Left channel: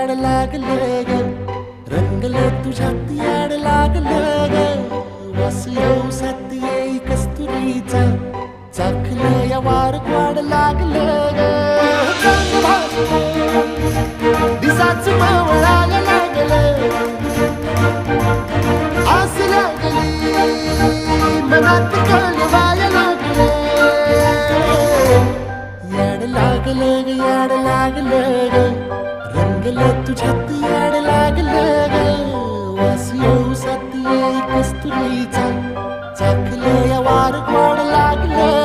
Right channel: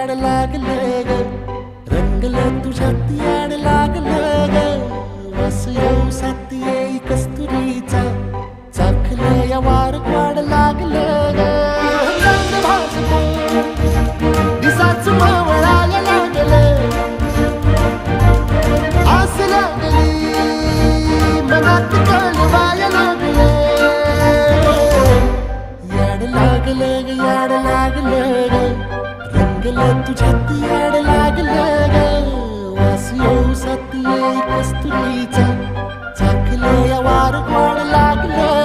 याड लागलं ग, रंगलं तुझ्यात याड लागलं ग. वास येऊ साथ येई कस्तुरीचा, चाखलं या वार वाढ लागलं ग. चांद भासलं दिसाच मावळायला लागलं, आस लागली मनात कळवायला लागलं. याड लागलं ग, याड लागलं ग, रंगलं तुझ्यात याड लागलं ग. वास येऊ साथ येई कस्तुरीचा, चाखलं या वार वाढ लागलं.